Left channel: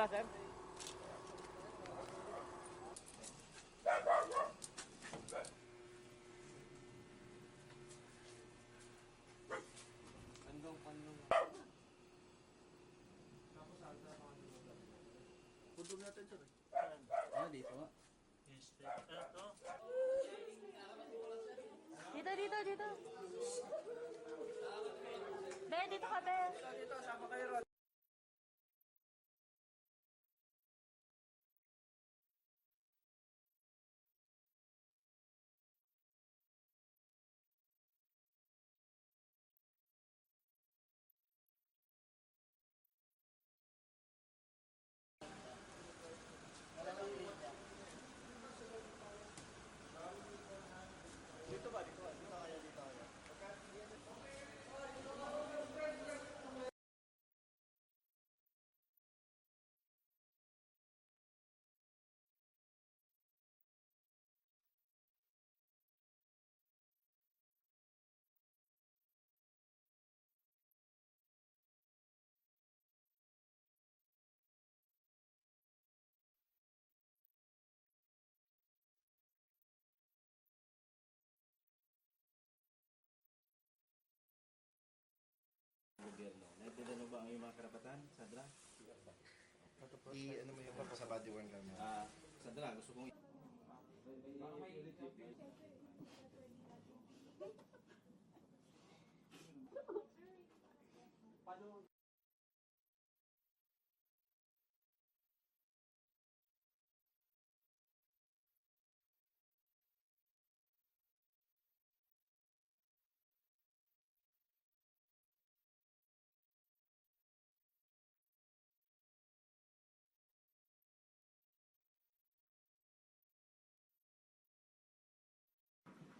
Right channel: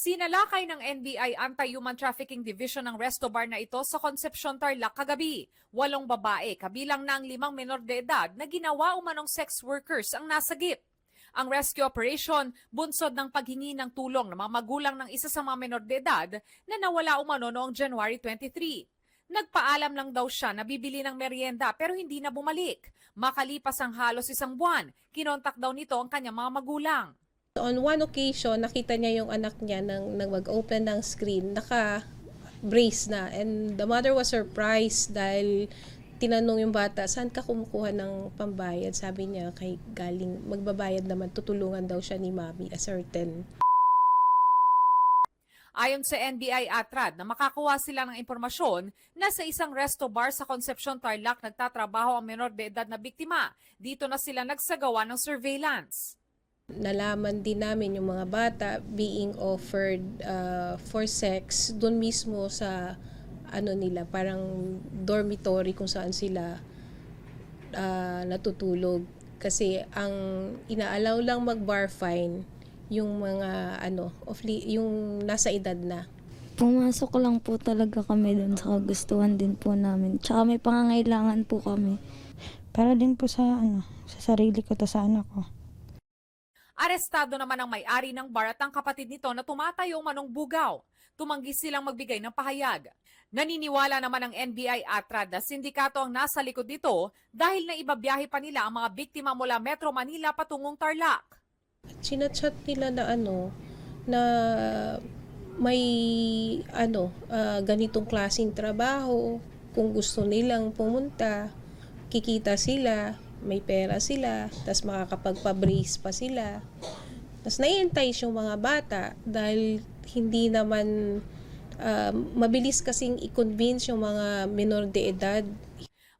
Sinalakay ng NBI Anti-Human Trafficking Division ng resto bar na ito sa Concepcion, Tarlac kagabi. 8 babae, kabilang na ang 5 menor de edad na ginawa umanong sex workers ang nasagip. Ang rescue operation, bunsod ng paghingi ng tulong ng mga magulang ng isa sa mga menor de edad na nawala umano noong January 23. Nagpaalam lang daw siya na bibili ng merienda pero hindi na bumalik. Makalipas ang halos 1 buwan, kinontak daw nito ang kanyang mga magulang. On one occasion, nakita niya yung anak niya nang mag-open ng screen, naka-brace na. And the mother was surprised dahil tinanong yung bata, saan ka kumukuha ng pambayad? Sabi niya, kay galing magbabayad naman, tutulungan daw siya ni mami, a certain. Ayon sa NBI Atrad na makakuha sila ng impormasyon na sa isang resto bar sa Concepcion, Tarlac nagtatrabaho ang menor de edad na biktima. Dito na sila nagsagawa ng surveillance. Nalaman din namin yung mga bata being offered for sex doon mismo sa nila, parang dormitory kung saan sila natutulog. Kasi ang inaalaw lang mag-bar fine yung mga yung nasa edad na. Pumasok lang po talaga kami doon sa kagustuhan din po namin. Tsaka may pangangailangan po kami. Para din po sa sarili ko, sa anak ko. Arestado naman ang may-ari ng bar at ang kapatid nito na tumatayo manong bugaw. Tumanggi silang magbigay ng pahayag. Naniniwala naman ang NBI Atrad na sindikato ang nasa likod nito dahil na ibabiyahe pa nila ang mga biktima mula Metro Manila patungong Tarlac. Sinachat nila na may ganitong klaseng trabaho, kung gusto nilang pumunta, kikita sila, may pera sila, tas makakapagpa-brace pa sila. Tas naientice yung mga bata dahil hindi naman mabilis kasing i-convince yung mga minor de edad.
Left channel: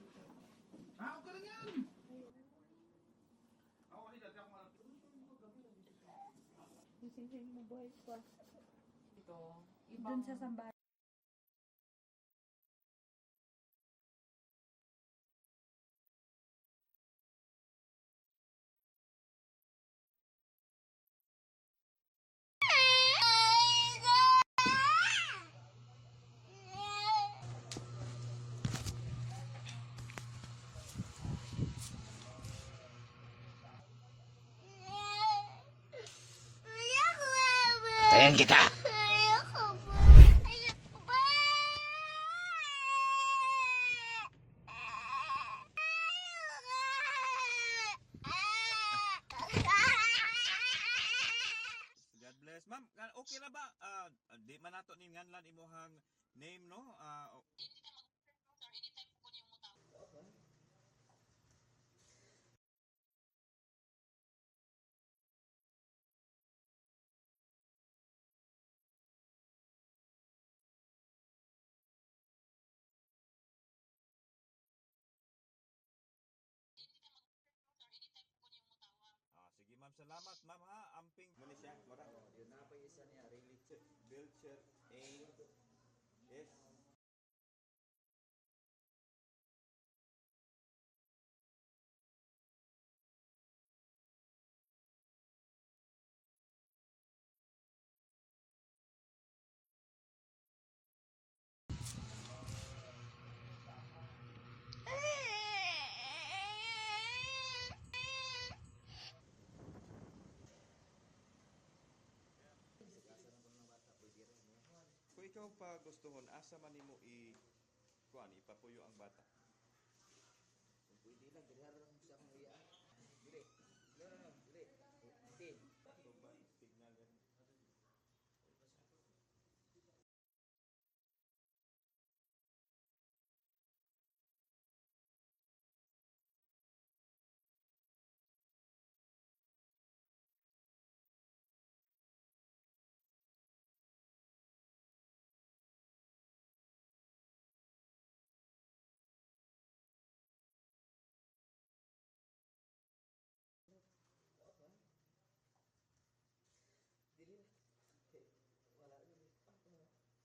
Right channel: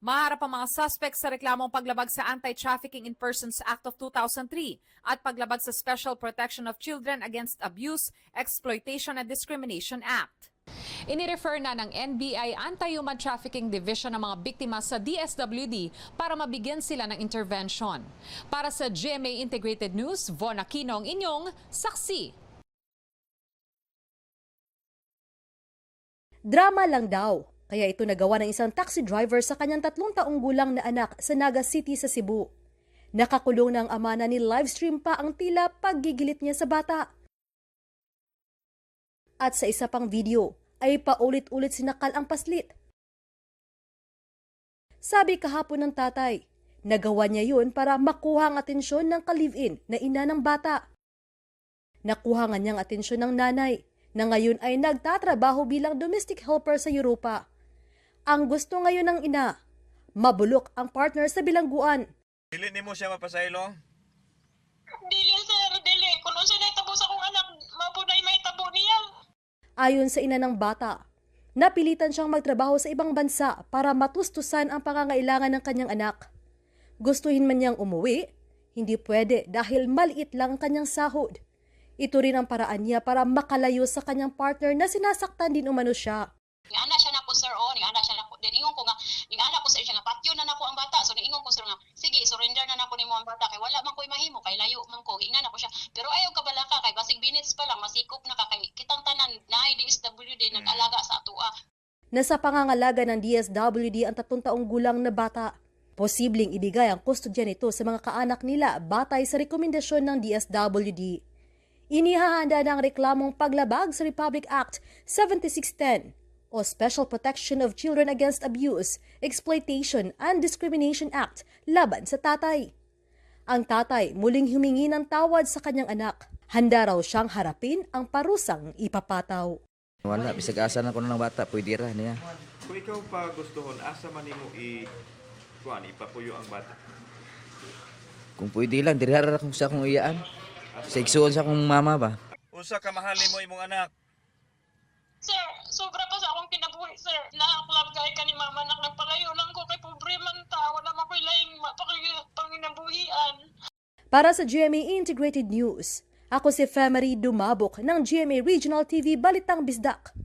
Maharap ang mga suspects sa reklamong paglabag sa Anti-Trafficking in Persons Act of 2003 at paglabag sa Special Protection of Children Against Abuse, Exploitation and Discrimination Act. Inirefer na ng NBI Anti-Human Trafficking Division ang mga biktima sa DSWD para mabigyan sila ng intervention. Para sa GMA Integrated News, Von Aquino ang inyong saksi. Drama lang daw. Kaya ito nagawa ng isang taxi driver sa kanyang 3 taong gulang na anak sa Naga City sa Cebu. Nakakulong ng ama na ni livestream pa ang tila paggigilit niya sa bata. Tayan kita! At sa isa pang video ay paulit-ulit sinakal ang paslit. Sabi kahapon ng tatay, nagawa niya yun para makuha ang atensyon ng kalivin na ina ng bata. Nakuha nga niyang atensyon ng nanay na ngayon ay nagtatrabaho bilang domestic helper sa Europa. Ang gusto ngayon ng ina, mabulok ang partner sa bilangguan. Dili nimo siya mapasaylo? Dili sir, dili. Kung unsa na itabo sa akong anak, mapunay may tabo niya. Ayon sa ina ng bata, napilitan siyang magtrabaho sa ibang bansa para matustusan ang pangangailangan ng kanyang anak. Gustuhin man niyang umuwi, hindi pwede dahil maliit lang ang kanyang sahod. Ito rin ang paraan niya para makalayo sa kanyang partner na sinasaktan din umano siya. Ningana siya nako sir, ningana siya nako. Then ingon ko nga, ningana ko sa siya nga patyo na nako ang bata. So ingon ko sir nga, sige, surrender na nako nimo ang bata kay wala man ko'y mahimo kay layo man ko. Ingana ko siya. Pero ayaw ka bala ka kay basig minutes pa lang masikop na ka kay kitang tanan na DSWD nag-alaga sa atua. Nasa pangangalaga ng DSWD ang 3 taong gulang na bata. Posibleng ibigay ang kustodya nito sa mga kaanak nila batay sa rekomendasyon ng DSWD. Inihahanda ng reklamong paglabag sa Republic Act 7610 o Special Protection of Children Against Abuse, Exploitation and Discrimination Act laban sa tatay. Ang tatay muling humingi ng tawad sa kanyang anak. Handa raw siyang harapin ang parusang ipapataw. Wala, bisag asa na ko ng bata, pwede ra niya. Kung ikaw pa gustuhon, asa man nimo ipapuyo ang bata? Kung pwede lang, dirara kung sa akong iyaan. Sa igsuon sa akong mama ba? Unsa ka mahal nimo imong anak? Sir, sobra pa sa akong kinabuhi sir. Nakaklab kay ka ni mama nak nagpalayo lang ko kay pobre man ta. Wala man ko'y laing panginabuhian. Para sa GMA Integrated News, ako si Femery Dumabok ng GMA Regional TV Balitang Bisdak.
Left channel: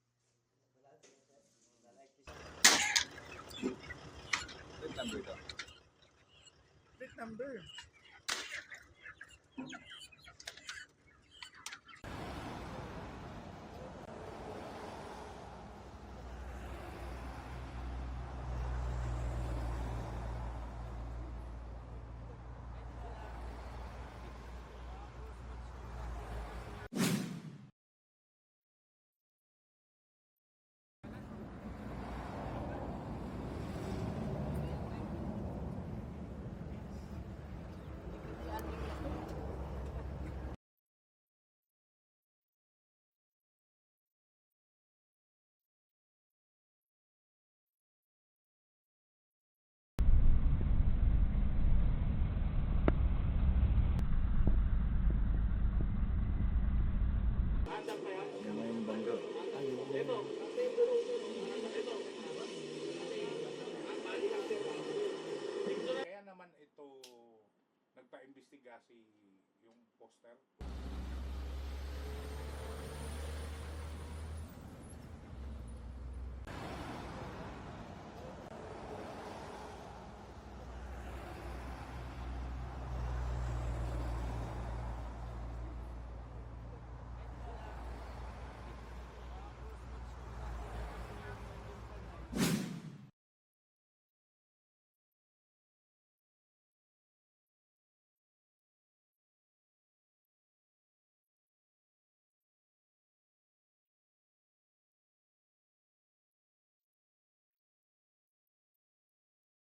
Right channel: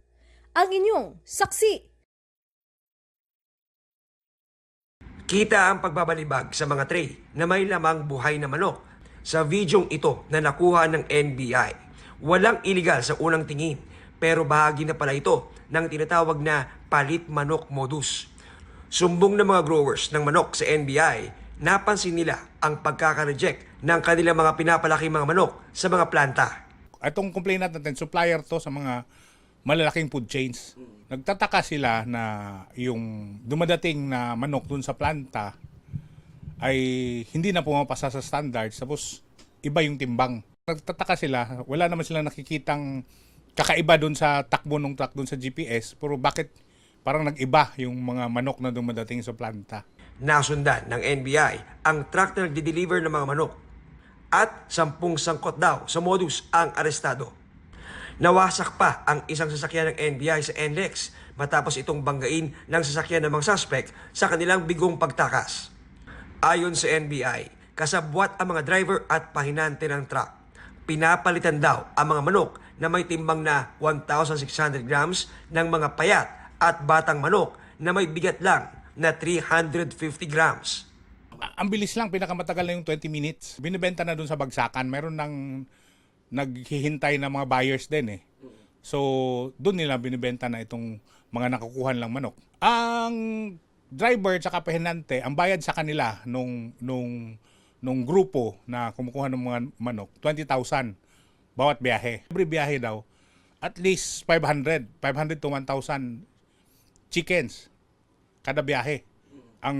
Ang inyong saksi. Kita ang pagbabalibag sa mga tray na may lamang buhay na manok sa videong ito na nakuha ng NBI. Walang iligal sa unang tingin, pero bahagi na pala ito ng tinatawag na palit manok modus. Sumbong ng mga growers ng manok sa NBI, napansin nila ang pagkaka-reject ng kanilang mga pinapalaking mga manok sa mga planta. Itong complainant natin, supplier to sa mga malalaking food chains. Nagtataka sila na yung dumadating na manok dun sa planta ay hindi na pumapasa sa standards, tapos iba yung timbang. Nagtataka sila, wala naman silang nakikitang kakaiba dun sa takbo ng truck dun sa GPS, pero bakit parang nag-iba yung mga manok na dumadating sa planta. Nasundan ng NBI ang truck na nagdi-deliver ng mga manok at 10 sangkot daw sa modus ang arestado. Nawasak pa ang isang sasakyan ng NBI sa NLEX matapos itong banggain ng sasakyan ng mga suspect sa kanilang bigong pagtakas. Ayon sa NBI, kasabwat ang mga driver at pahinante ng truck. Pinapalitan daw ang mga manok na may timbang na 1,600 grams ng mga payat at batang manok na may bigat lang na 350 grams. Ang bilis lang, pinakamatagal na yung 20 minutes. Binibenta na dun sa bagsakan. Meron nang naghihintay na mga buyers din eh. So, dun nila binibenta na itong mga nakukuhan lang manok. Ang driver at pahinante, ang bayad sa kanila nung grupo na kumukuha ng mga manok, 20,000 bawat biyahe. Every biyahe daw, at least 500 to 1,000 chickens kada biyahe ang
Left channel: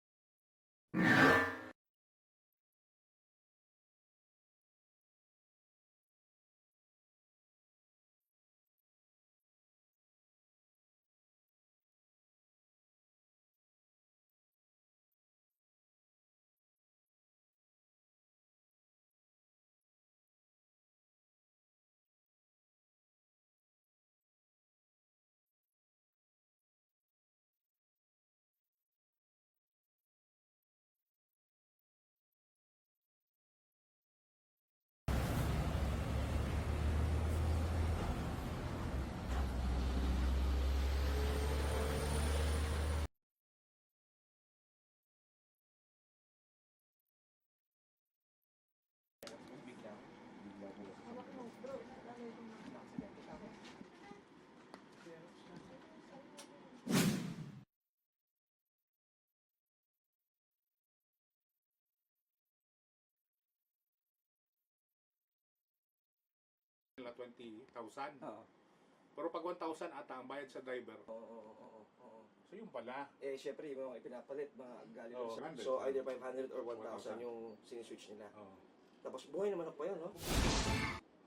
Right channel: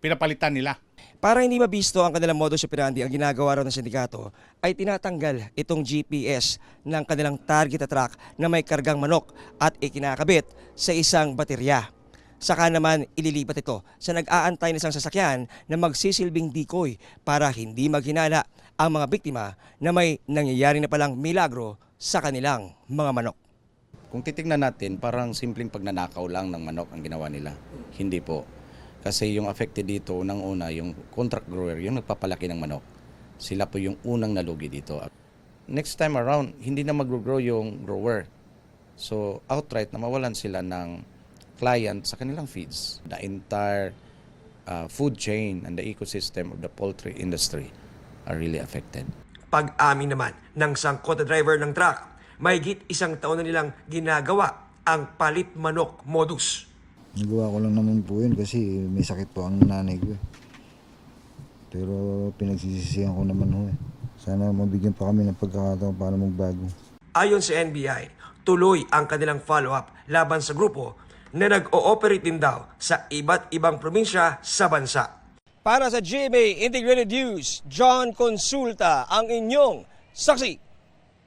pinapalitan nila. Para hindi mabisto ang kanilang modus operandi, ang ginagawa raw ng sindikato ay tinatanggal itong GPS ng kanilang target na truck na may kargang manok at ikinakabit sa isang baterya. Saka naman ililipat ito sa nag-aantay na isang sasakyan na magsisilbing decoy para hindi maghinala ang mga biktima na may nangyayari na palang milagro sa kanilang mga manok. Kung titingnan natin, parang simpleng pagnanakaw lang ng manok ang ginawa nila. Hindi po. Kasi yung affected dito, unang-una, yung contract grower, yung nagpapalaki ng manok. Sila po yung unang nalugi dito. Next time around, hindi na mag-grow yung grower. So, outright na mawalan sila ng client sa kanilang fees. The entire food chain and the ecosystem of the poultry industry are really affected. Pag-amin naman ng sangkot na driver ng truck, mahigit 1 taon na nilang ginagawa ang palit manok modus. Nagawa ko lang naman po yun kasi may sakit po ang nanay ko eh. Pero pinagsisisihan ko naman ho eh. Sana mabigyan pa kami ng pagkakataon para magbago. Ayon sa NBI, tuloy ang kanilang follow-up laban sa grupo na nag-ooperate din daw sa iba't ibang probinsya sa bansa. Para sa GMA Integrated News, John Consulta ang inyong saksi.